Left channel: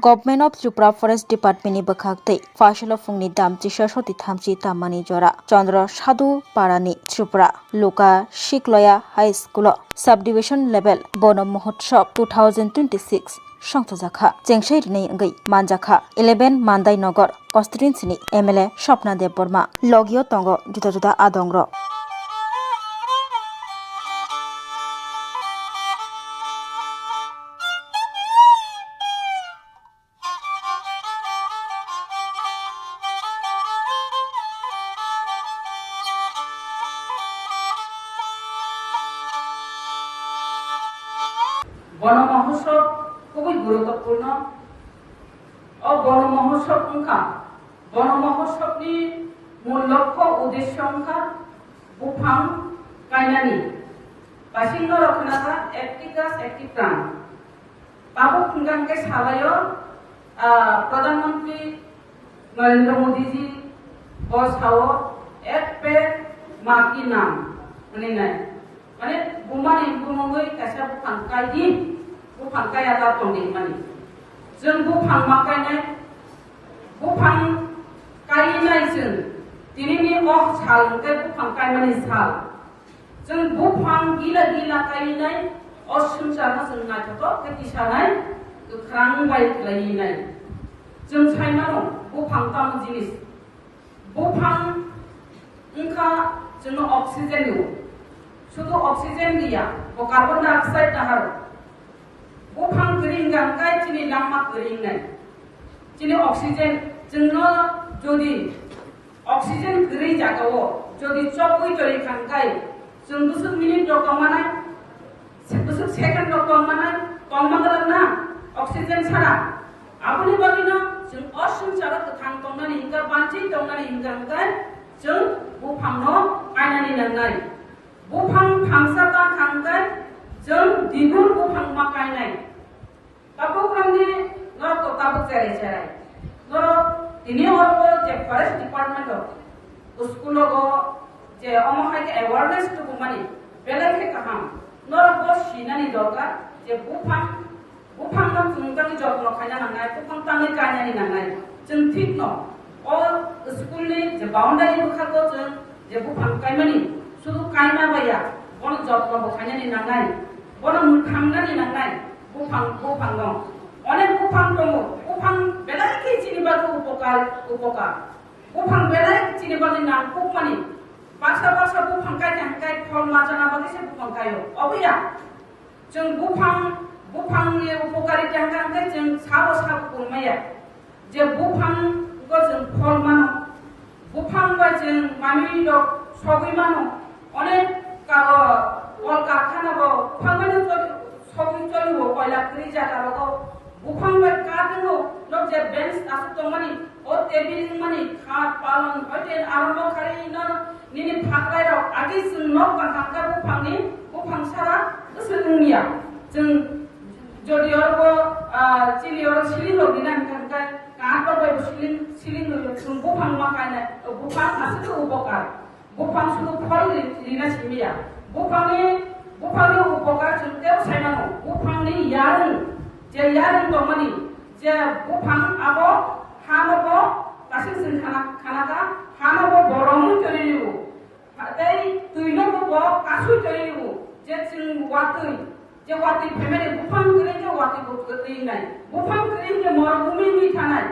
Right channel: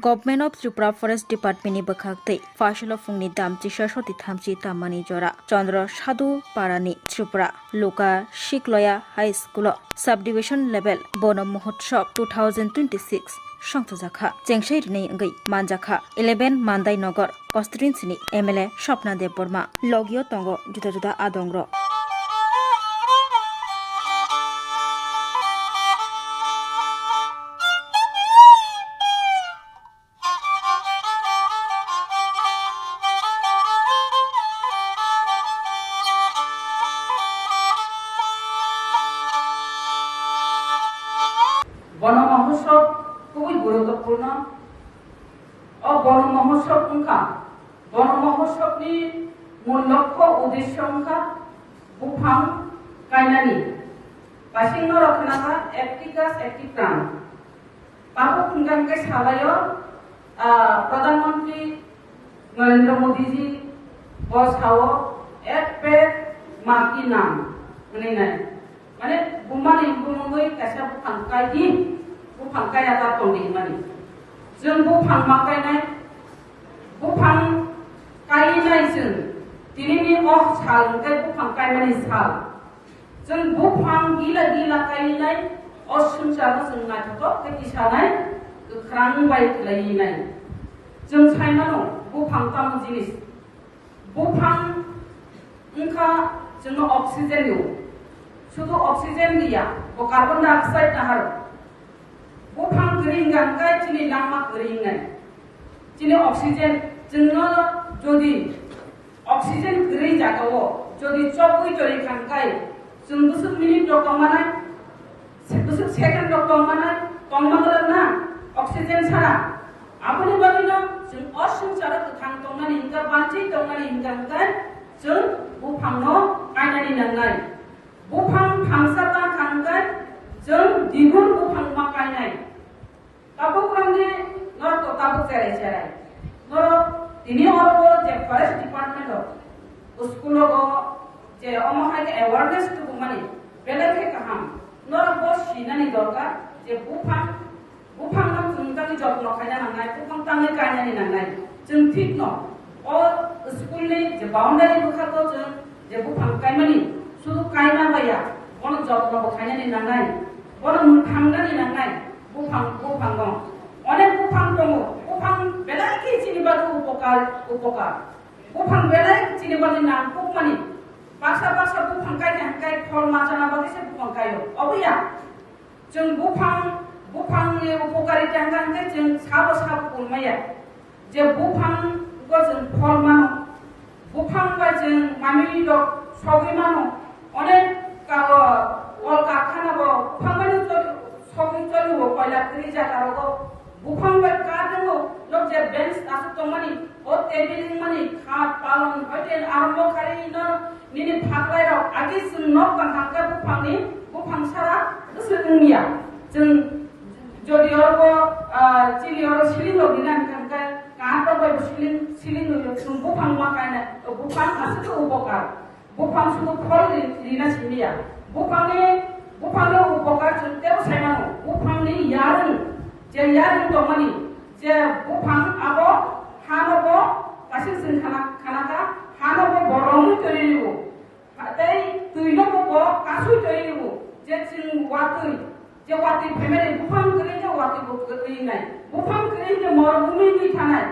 Government of Tripura Forest Department ni bakhaktei Fashila Fungni Dam Tisha Shoti Thamchi Tamani Jora Chandra Sadhu Parani Tripura Loka Shikloya High School Subdivision Level Bonam Mahotsav 2026 Shangtazakha Jengshai Rinai Ngai Manjakha 11 Mandai Nagar Constituency ni MLA Shopna Dev Burma Logio Tongo Juda Juda Adongro বন মহোৎসব খুবই গুরুত্বপূর্ণ ও বন মহোৎসব অংকা বন মহোৎসবনি মূল লক্ষ্য উদ্দেশ্য অংকা বুফাং কাইনানি বাসিন্দ রক্ষণাকা একটি গাছ একটি প্রাণ বাবু খুনগানকে সাবায় প্রধানমন্ত্রী নরেন্দ্র মোদীজি বসাও এক পেड़ माँ की नाम माने बुमानि बुमंगै कासा बुफांकायदि बुफांकाया दा दंदि माने जों बुफां माकायनाय बुफां कायनाय जों दिनैनि अख सालनिफ्राय बुफां कायनायनि साल जों बुफां गिला गिला कायनाय असंसारखौ जों नायथ'थ' खैथिसानाय गोख्रां बायख्लायनाय जों सायना दं बुफां ताम जिनिस बुफां ओंखा जोंनो अक्सिजेन होयो শুধু অক্সিজেন দিয়া ও কার্বন ডাই অক্সাইড নাহার বুফাং গরিং গানকাই চিনি লামা গরিং নাই চিনি অক্সিজেন जोंनो যদি অক্সিজেন গরি জাগাও যদি চকুই তরি খানকাই जों गुसु मिनिट রকমানাই गुसु সেকেন্ড রকমানাই কমমাগরা না অক্সিজেন ছাড়া আপনি বাবিনো जों অসংসারা থাং তংনানি ইনকা বাঁচি তংনানি ইনকানকাই जों বুফাংনো আইনানি নাंनाय बुफां फांसाबा खांगोन जों दिगुन बुफां माकायनाय ताबुग्रामनि नर तताबु जेरै जेरै नर दिनि हरबो जे फरेस्ट डिपार्टमेंट स्कुलो जे अमहाय अवेयरनेस तो माने बेलेखे काहाम नर बो सिनानि दरकार जे बुफां बुफां न जोंगानि जत्न खायना नांनाय बुफां तांनि गायनानि नांनाय जों ठीक न अ स्कुलनि जे बाउन्डारि बुखाखौ जों जे बुफां गायमानि শুধু কাইনা বাইয়া বন যত্ন বখাইনানি নাंनाय বন মুখাंगानि नांनाय বুফাং বুফাং দं অনেক বুফাং দङ বুফাং বেলাইকি চিনিবাগো উপকার বুফাং বেলাই চিনিবাनि नांगौ मानि बासा बासा बुफां गायनाय फल माजाना बादिसे बुफां गायो अबिया जों बुफांनि उपकारिता हांगाय जों साबो साबो बुंमाया जे बुफां गो जों फल मानो बुफां बा जों मामिनि दं सबै मानो অনেক কল কারখানা বুফাংগানি সবই চলিব কয়লা খনি জায়গা বুফাং কারখানা লোক যে বেঞ্চ আছে তো মানে ও টেবিল মানে খাট পালন হইতে আরম্ভ করে নিনি ফাকলাই রাও আগে নক কাঙ্কা বুফাং সারা সুনিয়া जों যদি অরব চিলি অর সিলিং লগিনা কাঙ্কা কাটো বাই সিলিং जों বুফাং মাকায়না বুফাং আছে তো উপকার बुफां सुनु फल लिना सिमिया बुफांनि उपकार जोंतेव सायनानो बुफांनि यारुं जे यारुं दमानि जे बुफां आबो हानबो कासे जों खानाका हानबो बरं तरियो दै तुइनबो कासु तरियो जे जों वातै जे वातै फेमेले बुफां करे जे वातै गतै नाय बुफां करे जे मरुभूमिनि थानाय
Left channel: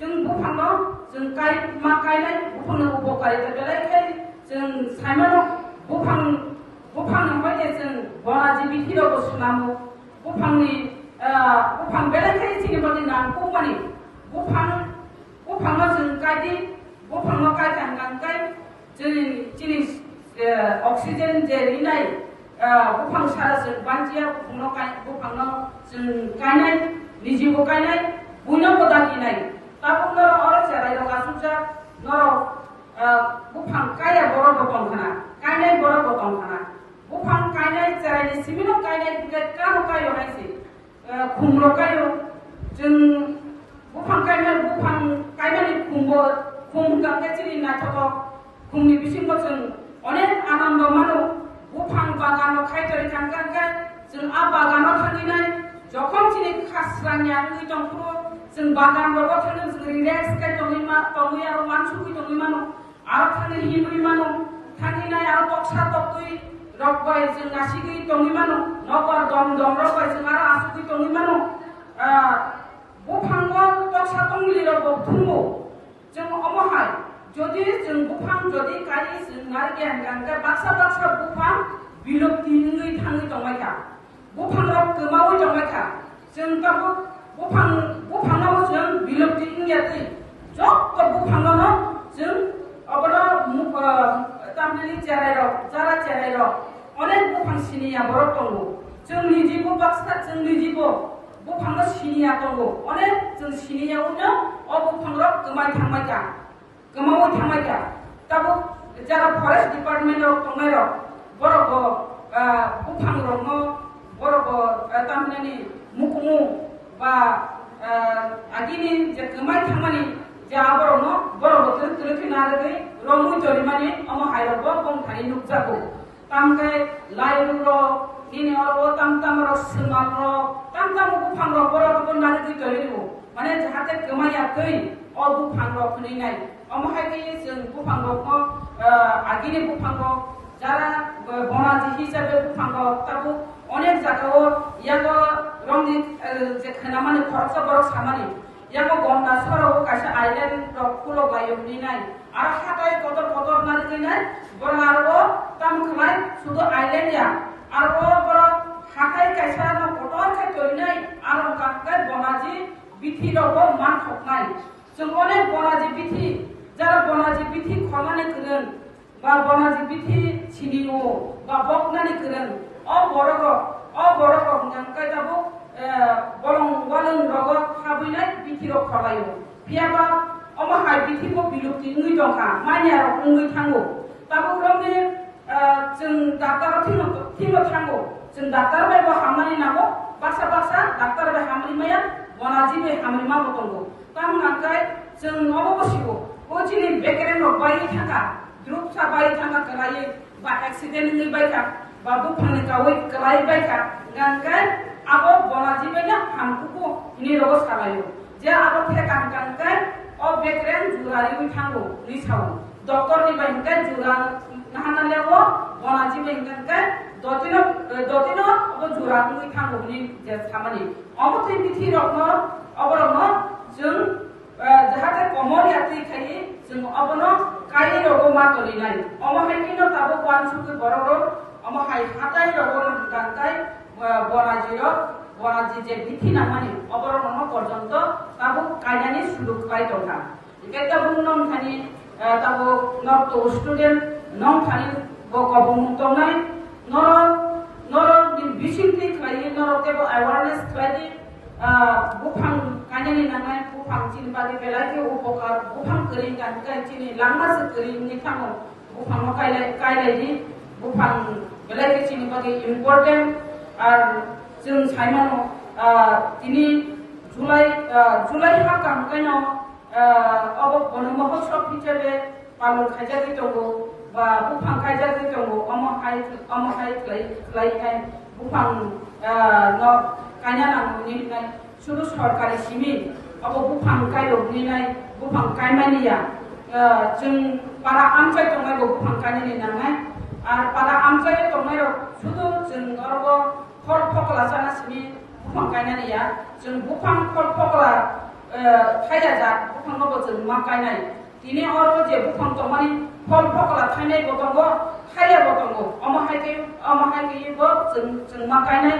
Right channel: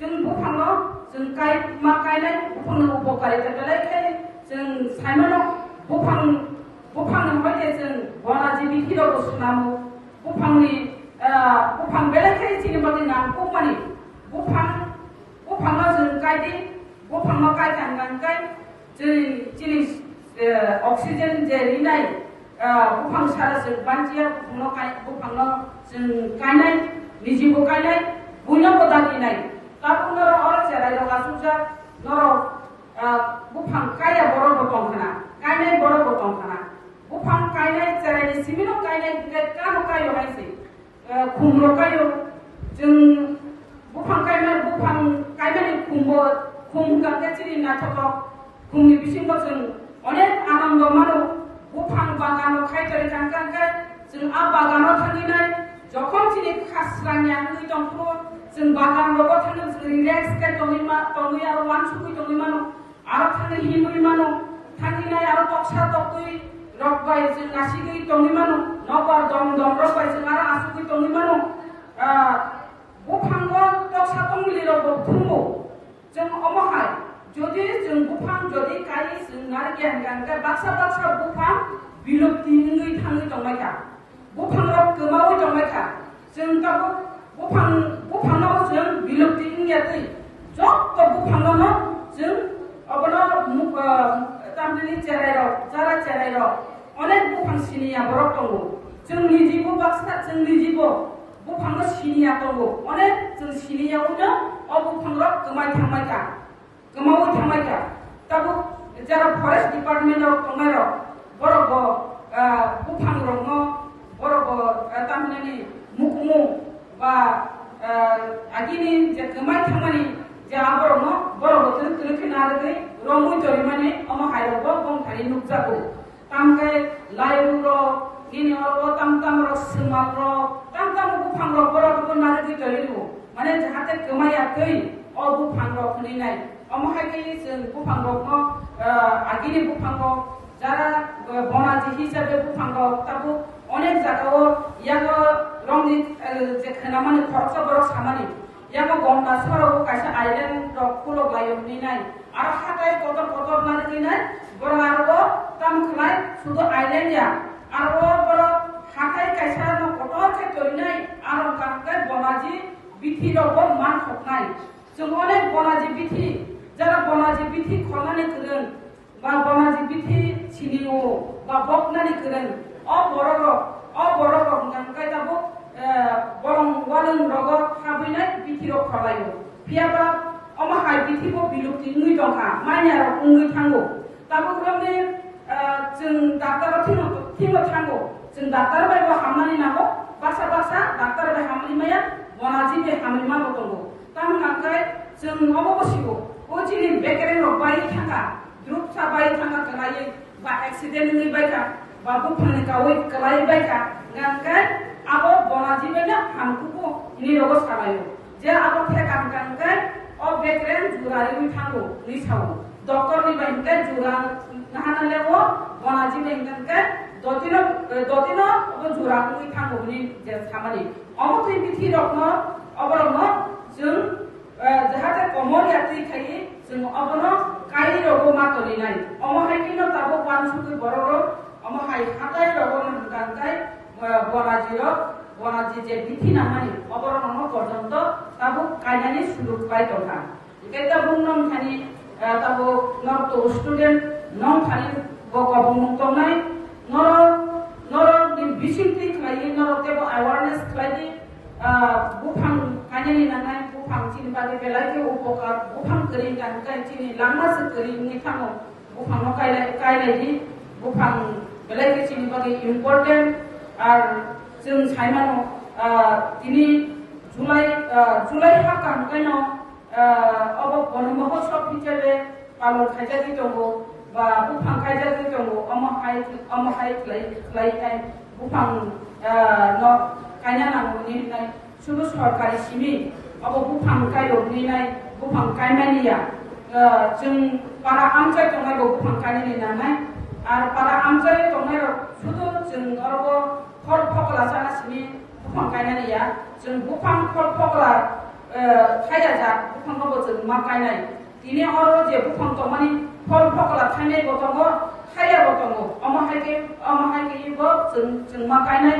जों बुफांनो जों काय मा कायनाय बुफांनि उपकारिता बेलाय जों सायमानो बुफां नंबायदि जों बनाजिबिथि रावबो सुनामो बुफां बेलेखे चिनिबादि नांगौ मानि बुफांनो जों गायदि बुफांनो गायखांगाय जोंनि अक्सिजेन जे रिनाय बुफां सारा जों बानजिया बुफांनो जों गायनाय निजिबो गायनाय बयनाबो दागिनाय ताबुनो अर जेराय गासुजा नर बुफां काया बरो दं खाना कायनाय बरो दं खाना बुफां कायनाय जेरायनि सिमिनो कायनाय कानो कायो हायसे खुमरो कायो जों बुफां कायनाय खुम गाके चिरि नाथक खुमनि बिसिमो जों अनेक आनन्द मानो बुफां बागानो खायतरि कांगांगा जों आ बागानो थांगिनाय যখন চিনি খাসরানি আনুই তংপুরো जों बागान रगो थांनो जों रिलेक्स काय तंगि आरो मानसुकुइ तंगि मानो आरो थांनो हिनुइ मानो थांगिनाय आरो तक्सा तक्तुइ रगबाय जों नासिगै तंगि मानो नगर दम दम रगबाय जों आरो आसुकुइ तंगि मानो बुफांगो तक्सा तंगिलि रगो थुंगो जों अमहाय जदि जों बुफां जदि काइ जों आरो गेन गानगा बाक्सा बाक्सा बुफां बिलुप्ति नङै थाङै दंमायखा बुफां रग गोमावै दंमायखा जों गाबो बुफांनाव जों बिलुप्ति इंगियातै जत्त बुफांनावनो जों अबनो तामनि चेराइराव जारा चेराइराव अनेक बुफां सिनिया बरक दंगो जों निजिबो बाक्सा जों निजिबो बुफांनो सिनिया दंगो अनेक जों सिनियावनो अ बुफांराव गोमाय थांमायखा गोमावै थांमायखा ताबो जारा फरेस्ट डिपार्टमेन्टआव दंनायराव बरक बुफांरावनो बरक तामनि मुकुमु बा आगिनि जे गोमाय थांमानि जे आबरनो बर बोथोर किलुखि नारगै रंगुइ जरिमानि अमा हायरबो बंथानि नुजागो तामकाय लाइरुरो निनि अरबो ताम रो सिमारो ताम बुफांरो बरबो नारगै जरिनु माने जाहाथे गोमायाखै अ बुफांरो खनैनाय अमा हायगै जों बुफांरोखौ आगिनि बुफांरो जारा बनाजि हिसाबै बुफांरो ताबु अनेक जागाव यागो रंनि जे खोनामानि खरसा बरक सामानि यागो गन्दा सराव कासे आइलेन्ड रक फुलो गायबनि नाय आरो हाथाय कतर नारगै नाय बर आरो ताम खलाय सुदो आइलेन्ड या आरो बर हाथाय कायसा न कतर खाय तरिनाय आरो कांगाय बनाजि बिथि रबो मान खकनाय जों अनेक बनाजि बिथि जारा बनाजि बिथि खनानै करेन बा बनाजि बिथि सिनिङो बा बकनानै करेन अ बरग गांगाय दाबो बरं वालं रग हाबैनाय बिथिरक खलायो फियाबा अमा हाय बिथिबो बिलुप्ति नुइ दंखा माइनार उंगै थांगो दाबो क्रमने जों डाक्टर थिनो थांगो जों डाक्टर बायबो हामनानै नागो बासा डाक्टर बाय हामनि माया बनाजि बे हामनि मा दंगो ताम गांगाय जों अबो बसिगो ओ जिनि बेकेरेन बाय थांगा द्रुप सा बाय थांगा कलायै बा एक्सिडेन्ट नुइ बायका बा बुफांनि गावै कलायै बायका गांगाय आबो बनाजि बेना हामकुको नि रगो सालायो जे आबो थे गांगाय अ बेकेरेन जुरारि बै थांगो नि साव डॉक्टर नि बायका जुरा नाहानालेवो बनाजि बेंगांगाय दतिनो अबो जुरा बै थांगो नि जे सामानि अबो थै बिथि रगनो अबरनो जों जाहाथे कमर यात्रि खायि जों अबनो काइ रगो मा तलिनाय अमो हायकिनो ताबो वानसुके बररो अमो हाय हाताय रगो गांगाय बनाजि जे बिथि नामानि अबरनो पर्यन्त ताबो कायनानि सुलुक बाय दंखा एटा बुंनम थानि ताबो नक्तो स्टुडेन्ट नम थानि बकबुं तंनाय नर बिसिंति खायि नर तेबो अवेयरनेस खायि बुफां कायनानि नांनाय बुफां चिन बागे बेलायके उपकार बुफां करि गानगाय चिनि लांनासो करि नि थाङो बुफां कायलायदि बुफां बेलायके चिनि बागे इम्पोर्टेन्ट আর जों साइमानो दिनै जुलाइ हा कामकायन अब बनमहोत्सव हिसाबै पालन खायजागै दंगो बा बुफां खायजागै दंगो अमहाय खालायनाय बुफां न कायना नांगौनि होननाय सुदु सरकारि सिमि अब बुफां कायरबनिनाय बुफां कायमानिया जों बारा आमचाय दंनाय बुफां कायनानि नांनाय आरो बारा आमचाय दंनाय सुदु जों अरबो फल फकला जानासिनि बुफां गायनाया जों बुफां फल फकला थाया जा बुफांखौ जों मा गायनाय दिनै अरबो जे बुफां दंमानि फल फकला थायनाय बतंगो थाया बतंगो अमहायगैबो जों मा गायनाय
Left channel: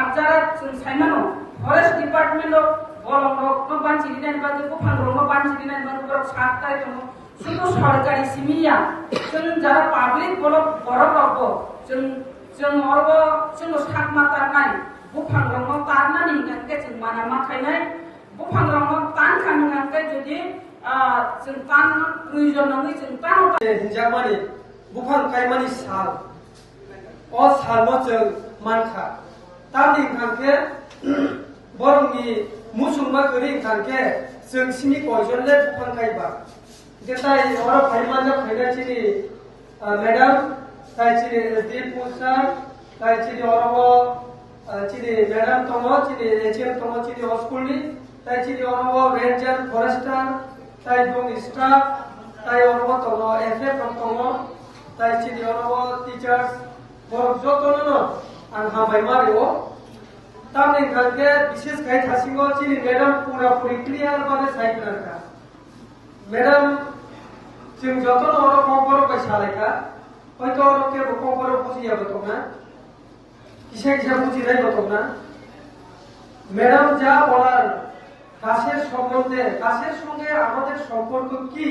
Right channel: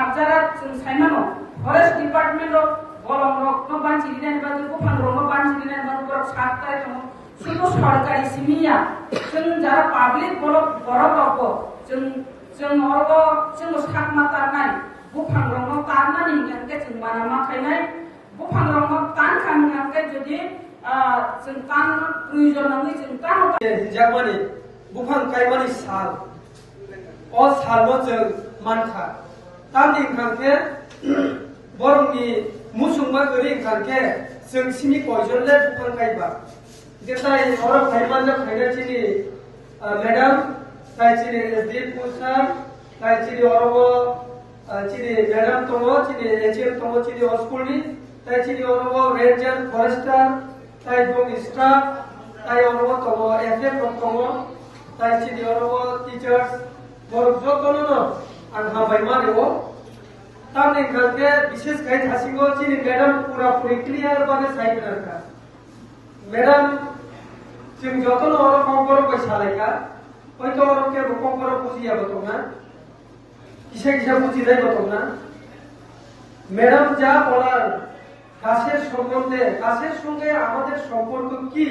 आगजारा जों साइमानो फरेस्ट डिपार्टमेन्टआव बरं रक्नो बानसि दिनाय बादि बुफां रंनो बानसि दिनाय बादि बरक साथाय दङ सुदु सरकारि सिमिया जों जारा पाब्लिक बरक जों अरबो जों सात मातारनाय बुफां रंनो तारनानि गांगे जों माना माखायनाय बुफां रंनो तान गांगे जदि जों तान दुइजन नङै जों तान हिजाबानि बुफां कायमानि साल अ सालनो जों मानखा तानि गांगे बरंनि मुसुमा गरि गांगे जों सिनि कयजनले बुफां कायबा जेताय अर फाइमाननो फाइनाचिनि मैडम कायचिनि दीप पुसार कायचिनि अरबो চিনি ম্যাডাম তম চিনি এচএম তম চিনি স্কুলনি তাই চিনি অনব রেঞ্জার ফরেস্টার তাই দং স্টাফ তাই অনব তম এফএম তম তাই চিনি অনব টিচার্স বরক যতন आं हाबाय मारियो तामनि खालके विशेष गाय थासिगो चिनि मैडम पूरा पूरी क्लियर बाने साइड करता मैडम जों जतन अरो कम्पर पैसा लायका হয়তো অরকে কম্পর বুঝিয়া বতনা কিসে কিসে বুঝি যাই বতনা ম্যাডাম যা বলার কাছের সম্বন্ধে কাছের সঙ্গে আমাদের সম্পর্ক কি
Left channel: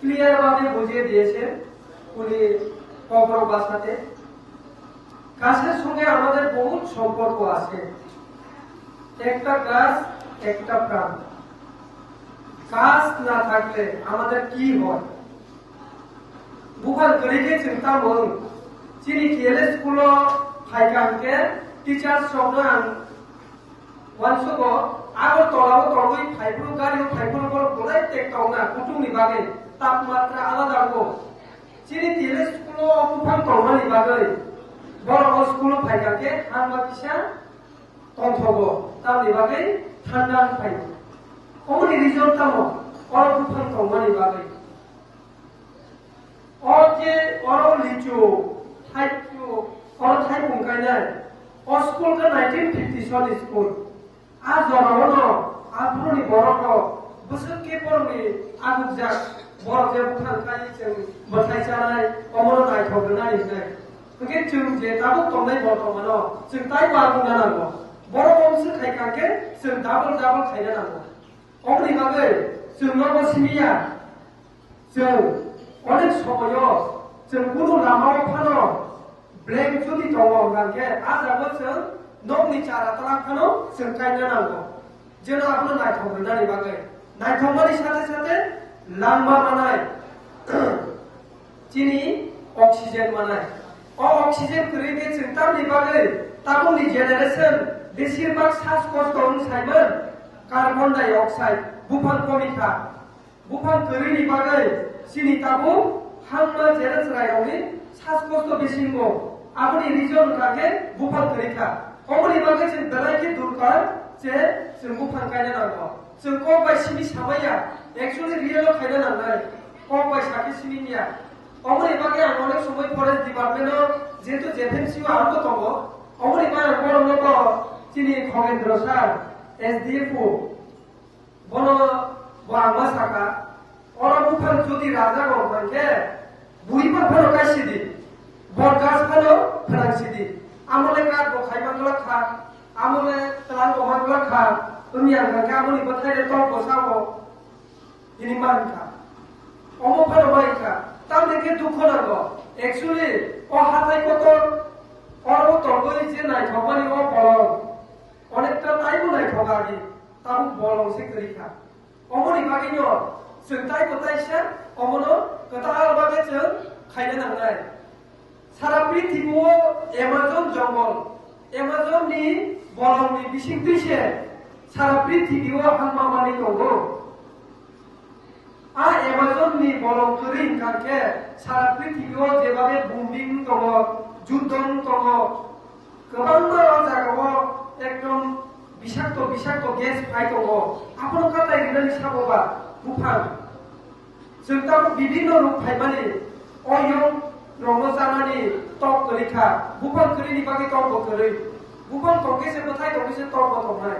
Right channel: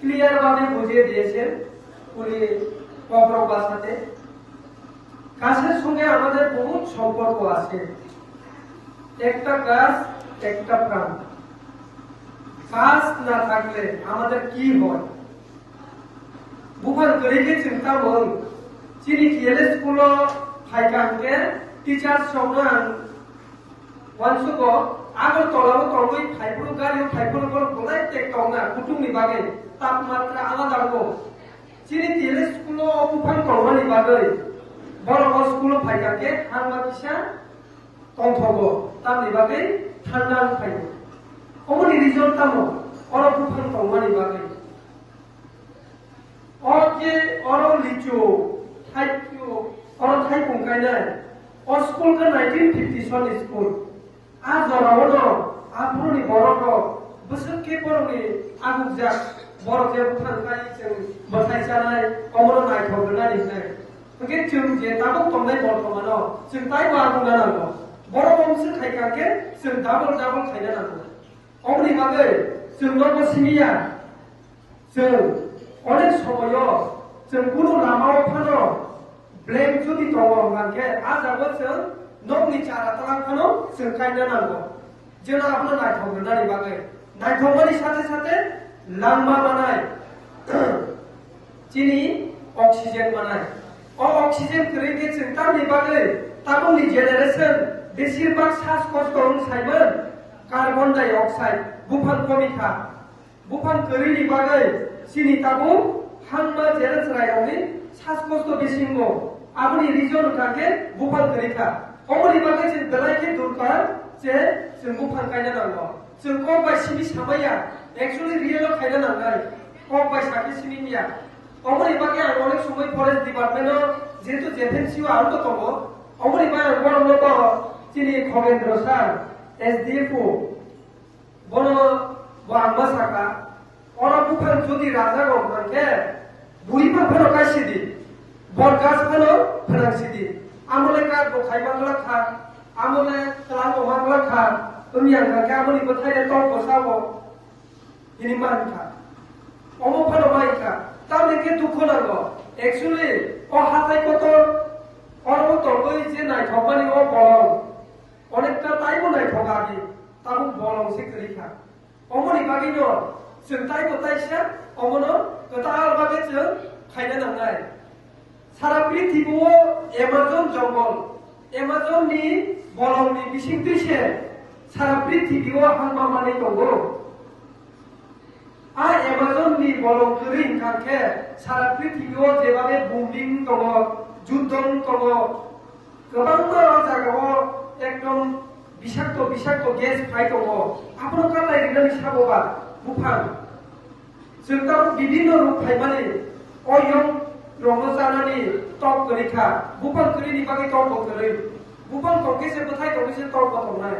ক্লিয়ার ভাবে বুঝিয়ে দিয়েছে উনি কম্পর ভাষাতে গাছের সঙ্গে আমাদের বহুত সম্পর্ক আছে একটা গাছ একটা প্রাণ গাছ না থাকলে আমাদের কি হয় বুফান করিকে চিন্তা মন চিনি খেলে স্কুল ফাইকানকে টিচার সঙ্গে ওয়ানসুক আগর তলাও তলই ফাইফুল গাড়ি ফাইফুল বলাই টেকটাওনা কুটুমনি বাগে তাপমাত্রা আলাদা হবো চিনি খেলে স্কুল বুফান তলমানি বাগে বড় স্কুল ফাইকাকে ঠান্ডা পিসা কন্থব তামনি বাগে ঠান্ডা ফাই অমনি রিজন তামো অর বুফান তলমানি বাগে অর যে অর লিচু থাইচু অর থাই বুংকাইনাই অ স্কুল কা 1950 সন স্কুল আ জরাবনো আফরনি বড়ক বসকে পরনি আগুজাক বড় যে বুফান কাই जों বথাই জানাই অমর নাই থগনা লিনাই ओके जों जे दाबो कमनाय बर्थमानाव जों ताइ बागुना नांगौ बर' बंश थाइखांके जों डाबल खायना नांगौ अमनि बागै जों नर्म सिमिया जों अनेक समायाव जों गुरु लामाव फानो ब्लेक जुदि दङ होननानै आजाबो जों न'नि चारा तालांखानो जों गायना नांगौ जों आबो नायथावनानै बागै नायथावनायनि साथे साथे लांबा बानाय चिनि अक्सिजेन बानाय অক্সিজেন করিয়ে চিন্তার নিবাগে তাবনি জেনারেশন বেশিরভাগ শ্বাসকষ্ট অনুসাইমন কার্বন ডাই অক্সাইড বুফান কমিখা বুফান করি নিবাগে চিনি তাবু হাংমা জেনারেশন রাইগনি শ্বাসকষ্ট বেশিঙ্গ আপনি রিজন কাকে বুফান করিখা অমনি বাগে जों দলাইকে দরকার যে जों বুফান গায়না নাंगौ जों কক বাই सिनि साबाया एक्चुअली रियेल खायना नांनाय কক बाय साबि सिनिया অমনি বাগে আং অনেক সময় ফরেস্ট ডিপার্টমেন্টও যেহেতু জেফেন্সিও আরো তো কম অমনি বাগে বড় লোক চিনি খগেন্দ্র স্যার এসডিএফও বড় বাংলা শাখা ওরা বুফান যদি রাজা গমখানকে বুড়িপার ফেরো গাইছিদি বট গাছ ফেরো ফেরাংছিদি আমলে কাজ বখাই বাংলা খা আমলে কাল বাংলা খা তুমি আংখানকে আমলি কোথায় টক বসাবো তিনি মানখা অমফারো মাইখা তাদেরকে দুঃখ লাগলো एक्चुअली ও হাতাই কত অর্ব তলই যে নাই ভবানি ও বলং অনেকটা তাইবো নাই ভগাবি তাবু বলং সে করিখা অমনি বাগিনো जों তাই কোথাইছে অমনো কথা বাগে जों খাইনা নাंनाय সারা পৃথিবীও এমাজন জঙ্গল এমাজননি বলংনি বিসিং দুইছে সারা পৃথিবীও হাংমামানি দङ আর এমাজননি বলং করিন কাকে সারা পৃথিবীও যেভাবে বুমিং দङ যুদ্ধন দङ गोबां জায়গাও একদম বিষাক্ত গ্যাস ফাই দङ আপনার কাটাই রিলেন সাববা বুফান जों दा বিভিন্ন রূপ ফাইমানি অয়ং রমজানানি টক করিখা বুফান করিনি বাকি টক করি বুফান টকেছে কোথায় টকেছে টক বতনাই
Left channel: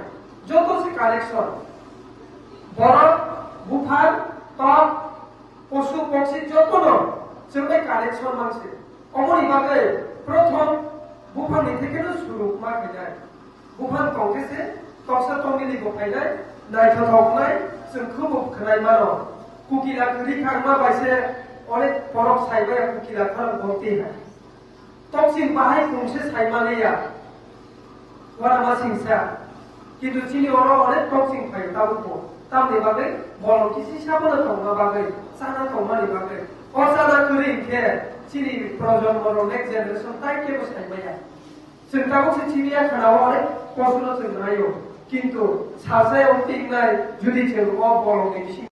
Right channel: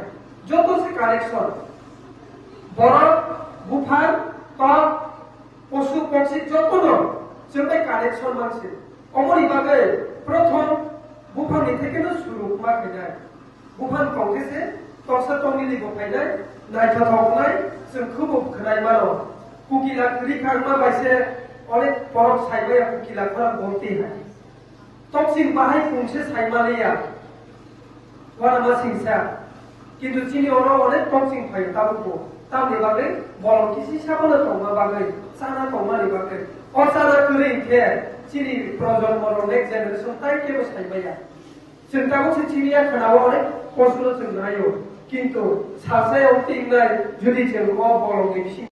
যত সে কালেকশন বরফ বুফান টক পশু পক্ষী যত जोंबाय কালেকশন মানছে অমনি বাগে প্রথম বুফানি থেকে শুরু মাকে যায় বুফান টকেছে টকসা টঙ্গিনি গফাইনাय নাইথাथावनाय जों খুব खोनाय मानो कुकिला करिखांना बायसे अनेक बरफ साइबाया कुकिला खालाम गलती है टक्सिं बाहाय खुंसे साइमालिया वाना मा सिंसा किन्तु चिनि ओरो अनेक टक्सिं फायो ताबुको तामनि बागै बरफ किसि साबना दंना बागै साना दंनानि बागै असाना करिखे चिनि प्रजन्म नेक्स्ट जेनेरेशन ताइटेबो साइबाया जों दाबो चिनिया खोनाव अनेक प्रश्न जों हायो किन्तु सासायाव टिंनाय जुदि जों बरफनि